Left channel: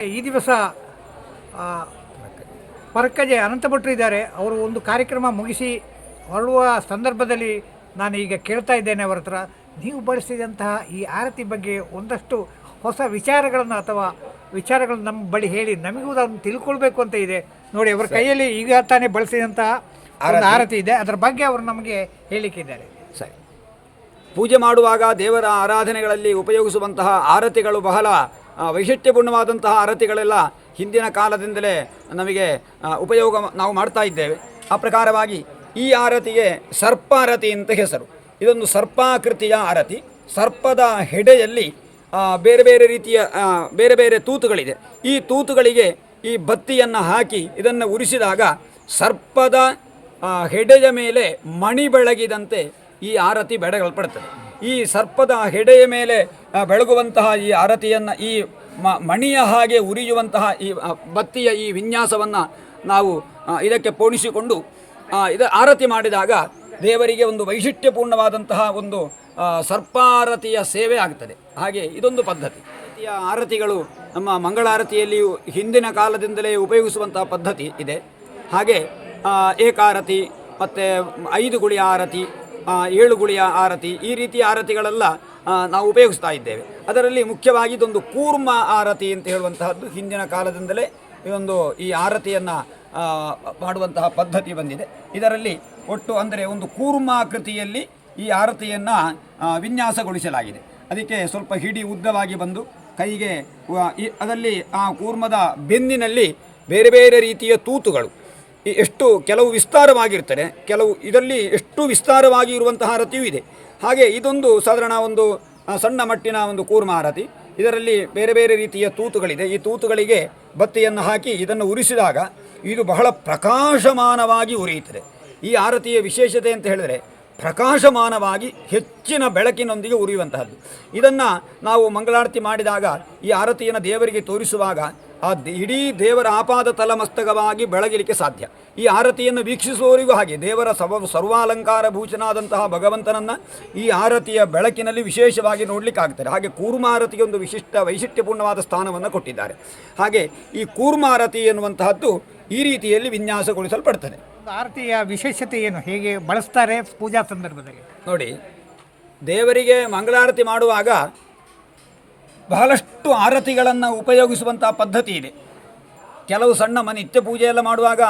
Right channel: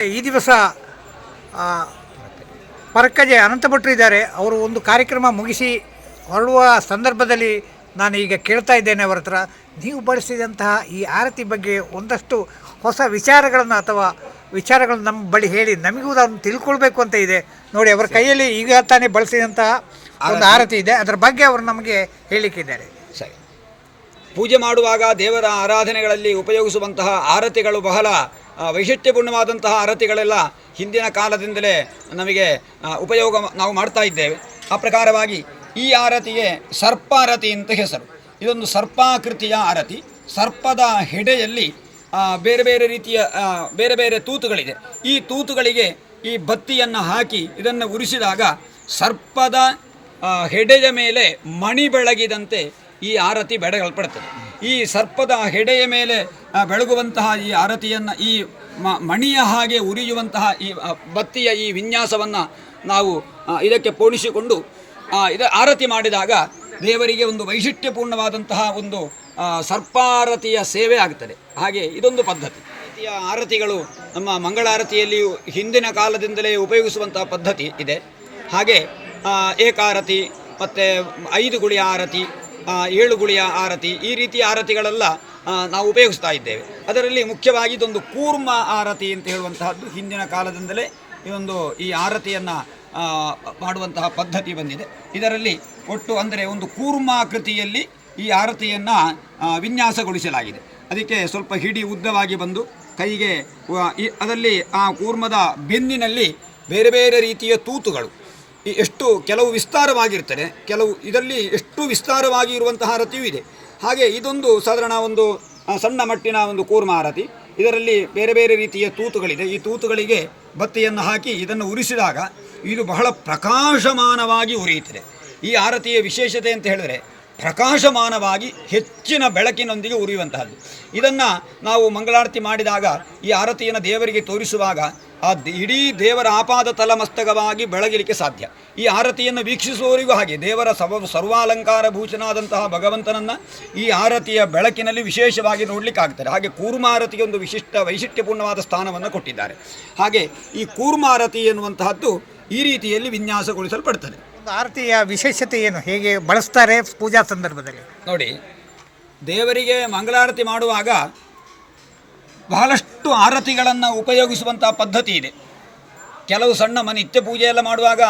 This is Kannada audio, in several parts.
ಈ ದಿವಸ ಆ, ಪರಕ್ಕಜೆ ಅನಂತಭಟ್ರು ಇದ್ದಾರೆ. ಅವರು ಒಂದು ಕಾರ್ಯಕ್ರಮ ಮುಗಿಸಿ ಹೊರಡುವ ಸಂದರ್ಭದಲ್ಲಿ ನಾನು ಈಗ ಕೇಳ್ತಾ ಇದ್ದೇನೆ ಅವರ ಹತ್ರ. ನೀವು ಬಳಸಿದಂತಹ ಈ ಆರತಿ ಬಗ್ಗೆ ಒಂದಷ್ಟು ಹೊಸ ವಿಚಾರಗಳನ್ನು ಅಥವಾ ವಿಚಾರಗಳನ್ನು ನಮ್ಮ ಬಳಿ ಹೇಳಿ ನಮಗೂ ಅದನ್ನು ತಿಳ್ಕೊಳ್ಬೇಕು ಅಂತ ಇದೆ. ನೋಡಿ ಅವರ ಕೈಯಲ್ಲಿ ಈಗ ತಾನೇ ಬಳಸಿದಂತಹ ಒಂದು ಆರತಿ ಇದೆ. ಅದರ ಬಗ್ಗೆ ಅವರು ನಮಗೆ ಹೇಳಿಕ್ಕಿದ್ದಾರೆ ಸರಿ. ಪೂಜೆ ಮಾಡುವಾಗ ದೇವರ ಆರಾಧನೆಗಳಲ್ಲಿ ಉಪಯೋಗಿಸುವಂತಹ ಆರತಿಗಳು ಬಹಳ ವೈಶಿಷ್ಟ್ಯಪೂರ್ಣವಾದಂತಹ ಆರತಿಗಳೆಲ್ಲ ಹಿಂದಿನ ಕಾಲದಿಂದಲೇ ನಮಗೆ ಉಪಯೋಗ ನಾವು ಮಾಡ್ತಾ ಇದ್ದೇವೆ. ಆ ಪ್ರಕಾರವಾಗಿ ಈ ಆರತಿಗೆ ಸರ್ಪಾರತಿ ಅಂತ ಹೆಸರು. ಇದೊಂದು ಸರ್ಪಾಕೃತಿಯ ಆರತಿ. ಸರ್ಪದ ಹೆಡೆಯಲ್ಲಿ ಬೇರೆ ಬೇರೆ ರೀತಿಯ ಬೇರೆ ಬೇರೆ ತೂತುಗಳಿದೆ. ಈ ತೂತುಗಳಿಗೆ ಈ ಬತ್ತಿಯನ್ನು ಹಾಕಿ ಇದನ್ನು ಉರಿಸಿದಾಗ ಸರ್ಪದ ಹೆಡೆಯ ಮೇಲೆ ಮಣಿ ಬೆಳಗಿದಂತೆ ಈ ಆರತಿ ಬೆಡಗಲ್ಪಡ್ತದೆ ಈ ಸರ್ಪದ ಹೆಡೆಯ ಮೇಲೆ ಬೆಳಗುವಂತಹ ಈ ಆರತಿಯನ್ನು ಈ ಮಣಿಯ ಹಾಗೆ ಉರಿಯುವಂತಹ ಈ ಬತ್ತಿಯ ಈ ವಿನ್ಯಾಸವನ್ನು ನಾವು ಇದಕ್ಕೆ ಪೋಣಿಸಿಕೊಂಡು ಇದ ಆರತಿ ಮಾಡಿದಾಗ ದೇವರಿಗೆ ಒಂದು ವೈಶಿಷ್ಟ್ಯಪೂರ್ಣವಾದಂತಹ ಒಂದು ಸರ್ಪಾರತಿಯ ಸೇವೆ ಆಗ್ತದೆ. ಹಾಗೆ ಇದೊಂದು ಪದ್ಧತಿ. ರೀತಿಯ ಆರತಿಗಳು ನಮ್ಮ ಮಂಗಳಾರತಿಯಲ್ಲಿಯೂ ಹಿಂದಿನ ಕಾಲದಿಂದಲೇ ಉಪಯೋಗಿಸುವಂತಹ ಪದ್ಧತಿ ಇದೆ. ಹಾಗೆ ಏಕಾರತಿ, ಮತ್ತು ಐದು ಗುಳಿ ಆರತಿ ಏಳು ಗುಳಿಯ ಆರತಿ, ಈ ರೀತಿಯ ಆರತಿಗಳೆಲ್ಲ ನಾವು ಉಪಯೋಗಿಸ್ತಾ ಇದ್ದೇವೆ. ಅದರಲ್ಲಿ ಮುಖ್ಯವಾಗಿ ಇದೊಂದು ಕೂರ್ಮ ಆರತಿ ಅಂತ ಹೇಳುವಂತಹದ್ದು. ಹಿಂದಿನ ಕಾಲದಿಂದಲೇ ಇದೊಂದು ಈ ಆರತಿಯನ್ನು ಮಾಡುವಂತಹ ಪದ್ಧತಿ ಬಂದಿದೆ. ಇದರಲ್ಲಿ ಒಟ್ಟು ಅಂದರೆ ಒಂದು ಕೂರ್ಮಾಕೃತಿಯಲ್ಲಿ ಈ ಆರತಿಯನ್ನು ವಿನ್ಯಾಸಗೊಳಿಸಲಾಗಿದೆ. ಅದಕ್ಕೆ ಸ್ವಲ್ಪ ಹಿಡಿ ಉದ್ದವಾಗಿ ಬಂದು ಕೈಗೆ ಈ- ಅದರಲ್ಲಿ ಆ ಕೂರ್ಮದ ಬೆನ್ನಿನಲ್ಲಿ ಬೇರೆ ಬೇರೆ ರೀತಿಯ ತೂತುಗಳು ಈ ಎಷ್ಟು ಕೆಲವು ವಿಸ್ತಾರವಾಗಿರ್ತದೆ, ಕೆಲವು ಇದರಲ್ಲಿ ಎಷ್ಟು ವಿಸ್ತಾರವಾಗಿ ಇರುವಂತಹ ರತಿಯೂ ಇದೆ. ಹಾಗೆ ಇದೊಂದು ಸಾಧಾರಣ ಒಂದು ಸಣ್ಣ ಮಟ್ಟಿನ ಒಂದು ಕೂರ್ಮ ಆರತಿ. ಇದರಲ್ಲಿ ಬೇರೆ ಬೇರೆ ರೀತಿಯ ತೂತುಗಳಿದೆ. ಈ ತೂತುಗಳಿಗೆ ಬತ್ತಿಯನ್ನು ಹಾಕಿ ಇದನ್ನು ಉರಿಸಿದಾಗ ಇದು ಬಹಳ ಪ್ರಕಾಶಮಾನವಾಗಿ ಉರಿಯುತ್ತದೆ. ಈ ಆರತಿಯ ವಿಶೇಷತೆ ಅಂತ ಹೇಳಿದರೆ ಪ್ರಕಾಶಮಾನವಾಗಿ ಹೆಚ್ಚಿನ ಬೆಳಕಿನೊಂದಿಗೆ ಉರಿಯುವಂತಹದ್ದು. ಇದನ್ನು ನಾವು ಮಂಗಳಾರತಿ ಮಾಡಿದಾಗ ಈ ಆರತಿಯನ್ನು ದೇವರಿಗೆ ತೋರಿಸುವಾಗ ಆ ಇಡೀ ದೇವರ ಆಪಾದ ತಲಮಸ್ತಕವಾಗಿ ಬೆಳಗಲಿಕ್ಕೆ ಸಾಧ್ಯ. ಈ ಆರತಿಯನ್ನು ವೀಕ್ಷಿಸುವವರಿಗೂ ಹಾಗೆ ದೇವರ ಸವ ಸರ್ವಾಲಂಕಾರ ಭೂಷಣಾದಂತಹ ಭಗವಂತನನ್ನು ಈ ಆರತಿಯ ಬೆಳಕಿನಲ್ಲಿ ವಿಶೇಷವಾಗಿ ನೋಡಲಿಕ್ಕೆ ಆಗ್ತಾರೆ ಹಾಗೆ ಕೂರ್ಮಾರತಿಗೆ ಒಂದು ವಿಶಿಷ್ಟ ವೈಶಿಷ್ಟ್ಯಪೂರ್ಣವಾದ ಸ್ಥಾನವನ್ನು ಕೊಟ್ಟಿದ್ದಾರೆ. ಹಾಗೆ ಈ ಕೂರ್ಮಾರತಿ ಎನ್ನುವಂತಹದ್ದು ಈ ರೀತಿಯಲ್ಲಿ ವಿನ್ಯಾಸಗೊಳಿಸಲ್ಪಡ್ತದೆ. ಒಂದು ಆರತಿಯ ವಿಶೇಷತೆ ಏನು? ಹೇಗೆ ಬಳಸ್ತಾರೆ ಪೂಜಾ ಸಂದರ್ಭದಲ್ಲಿ? ನೋಡಿ ದೇವರಿಗೆ ಮಂಗಳಾರತಿ ಮಾಡುವಾಗ ಬಹಳಷ್ಟು ಆರತಿಗಳನ್ನು ಉಪಯೋಗಿಸುವಂಥ ಪದ್ಧತಿ ಇದೆ. ಕೆಲವು ಸಣ್ಣ ಮನೆ ನಿತ್ಯ ಪೂಜೆಯೆಲ್ಲ ಮಾಡುವಾಗ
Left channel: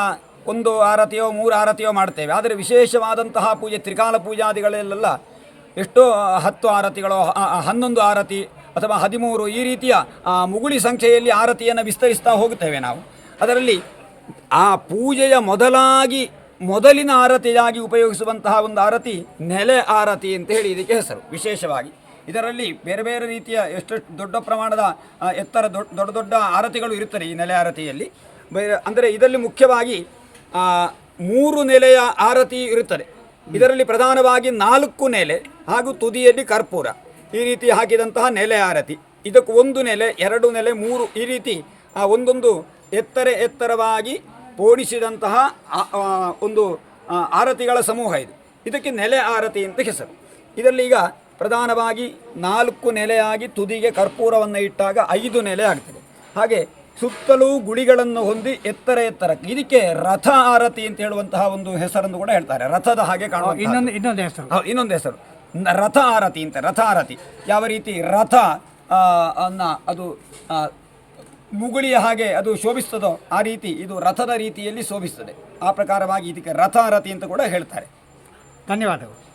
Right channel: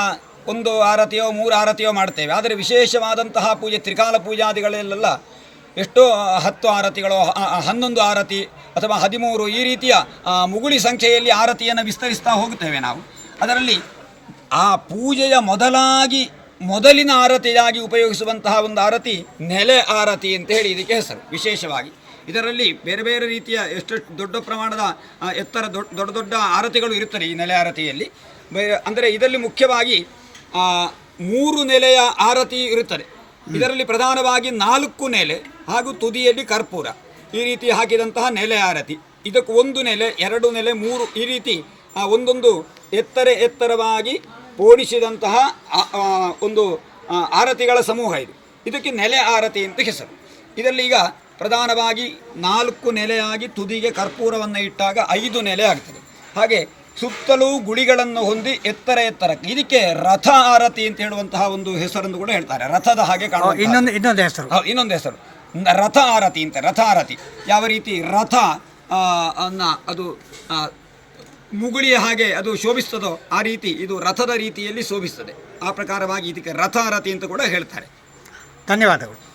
ಒಂದು ಆರತಿಯೋ, ಮೂರು ಆರತಿಯೋ ಮಾಡ್ತೇವೆ. ಆದರೆ ವಿಶೇಷವಾದಂತಹ ಪೂಜೆ, ತ್ರಿಕಾಲ ಪೂಜಾದಿಗಳಲ್ಲೆಲ್ಲ ಎಷ್ಟೋ ಹತ್ತು ಆರತಿಗಳು ಹನ್ನೊಂದು ಆರತಿ ಅಥವಾ ಹದಿಮೂರು ಈ ರೀತಿಯ ಮುಗುಳಿ ಸಂಖ್ಯೆಯಲ್ಲಿ ಆರತಿಯನ್ನು ವಿಸ್ತರಿಸ್ತಾ ಹೋಗುತ್ತೇವೆ ನಾವು. ಅದರಲ್ಲಿ ಆ ಪೂಜೆಯ ಮೊದಲಾಗಿ, ಮೊದಲಿನ ಆರತಿಯಾಗಿ ಉಪಯೋಗಿಸುವಂತಹ ಒಂದು ಆರತಿ ನೆಲೆ ಆರತಿ ಅಂತ ಹೇಳಿ ಇದಕ್ಕೆ ಹೆಸರು. ವಿಶೇಷವಾಗಿ ಇದರಲ್ಲಿ ಬೇರೆ ಬೇರೆ ರೀತಿಯ ಎಷ್ಟೆಷ್ಟು ದೊಡ್ಡ ಪ್ರಮಾಣದ ಎತ್ತರ ದೊಡ್ಡ ದೊಡ್ಡ ದೊಡ್ಡ ಆರತಿಗಳು ಇರುತ್ತದೆ ಈ ನೆಲೆ ಆರತಿಯಲ್ಲಿ. ಬೇರೆ ಅಂದರೆ ಇದರಲ್ಲಿ ಮುಖ್ಯವಾಗಿ ಮೂರು ನೆಲೆಯ ಆರತಿ ಇರುತ್ತದೆ. ಇದರಲ್ಲಿ ಪ್ರಧಾನವಾಗಿ ನಾಲ್ಕು ನೆಲೆ ಹಾಗೂ ತುದಿಯಲ್ಲಿ ಕರ್ಪೂರ. ಈ ರೀತಿ ಹಾಕಿದಂತಹ ನೆಲೆ ಆರತಿ. ಇದಕ್ಕೆ ಒಂದು ನೆಲೆ ಎರಡು ನೆಲೆ ಮೂರು ಈ ರೀತಿ ಒಂದೊಂದು ಎತ್ತರ ಎತ್ತರವಾಗಿ ಓಡಿಸಿದಂತಹ ಒಂದು ಆರತಿಗಳ ಸಮೂಹ ಇದು. ಇದಕ್ಕೆ ನೆಲೆ ಆರತಿ ಅಂತ ಹೆಸರು. ಇದರಲ್ಲಿ ಈಗ ಪ್ರಧಾನವಾಗಿ ನಾಲ್ಕು ನೆಲೆಯಾಗಿ ತುದಿಗೆ ಕರ್ಪೂರವನ್ನು ಇಟ್ಟಾಗ ಐದು ನೆಲೆ ಆಗ್ತದೆ. ಹಾಗೆ ಸುತ್ತಲೂ ಗುಳಿಗಳನ್ನು ಹೊಂದಿ ಎತ್ತರ ಎತ್ತರಕ್ಕೆ ಇದಕ್ಕೆ ರಥ ಆರತಿ ಅಂತ ಹೇಳುವಂತಹ ಒಂದು ಹೆಸರನ್ನು ಕೂಡ ಹೇಳ್ತಾರೆ. ರಥದ ಹಾಗೆ ಕಾಣುವ ಇನ್ನೊಂದು ಇನ್ನೊಂದು ಹೆಸರು. ಇನ್ನೊಂದು ಹೆಸರು. ರಥ ಆರತಿ ಅಂತ ರಥ ಆರತಿ. ಯಾವ ರೀತಿ ರಥ ಅದು ಮುಗುಳಿಯ ಹಾಗೆ ಅದು ಶೋಭಿಸ್ತದೋ ಆ ರೀತಿ ಇದು ರಥದ ರೀತಿಯಲ್ಲಿ ಶೋಭಿಸ್ತದೆ. ಆ ಪ್ರಕಾರವಾಗಿ ಇದಕ್ಕೆ ರಥ ಆರತಿ ಅಂತ ಕೂಡ ಹೇಳ್ತಾರೆ. ಧನ್ಯವಾದಗಳು.